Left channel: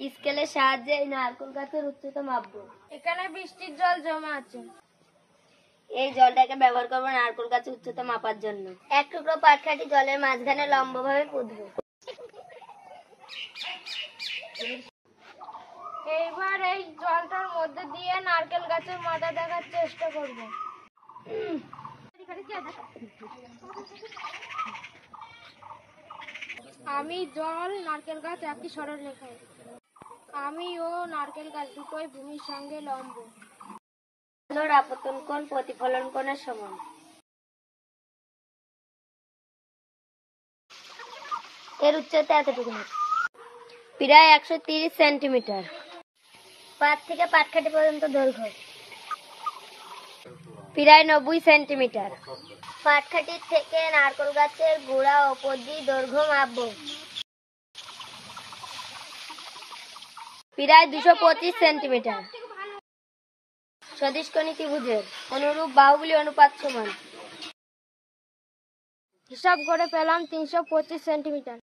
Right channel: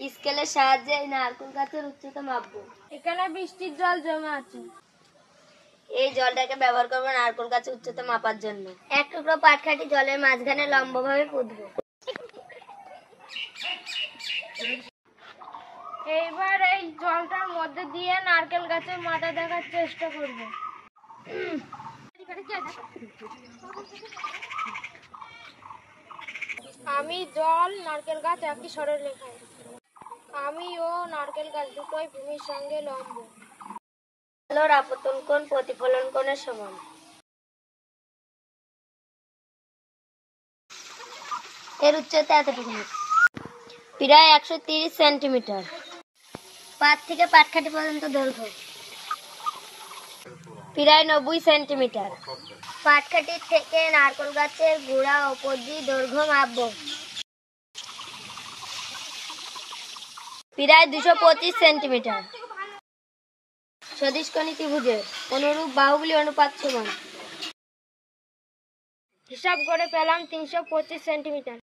স্কেলের সাহায্যে এই নারকেল গাছের উচ্চতা মাপবো। এখানে বৃষ্টির জল জমে আছে। এই জলটাকে ব্যবহার করবো নারকেল গাছের উচ্চতা মাপার জন্য। এক টুকরো পাটকাঠি জলের মাঝখানে লম্বভাবে পুঁতবো। এইবার এই জলটার মধ্যে দিয়ে নারকেল গাছের মাথা দেখার চেষ্টা করব। আমি জল নারকেল গাছ একই সরলরেখায়। আমি ও নারকেল গাছ দুটোই ভূমির সঙ্গে লম্ব। আলোর আপতন কোণ প্রতিফলন কোণের সমান। এর উচ্চতা এতটুকু, প্রায় 130 সেন্টিমিটার। পাত থেকে পাটকাঠি পর্যন্ত দৈর্ঘ্য প্রায় 90 সেন্টিমিটার। পাটকাঠির থেকে নারকেল গাছের গোড়া অবধি দৈর্ঘ্য মাপবো। প্রায় 225 সেন্টিমিটার। সদিশকোণী ত্রিভুজের অনুরূপ বাহুগুলি অনুপাত সমান। হিসাব করে পেলাম 325 সেন্টিমিটার।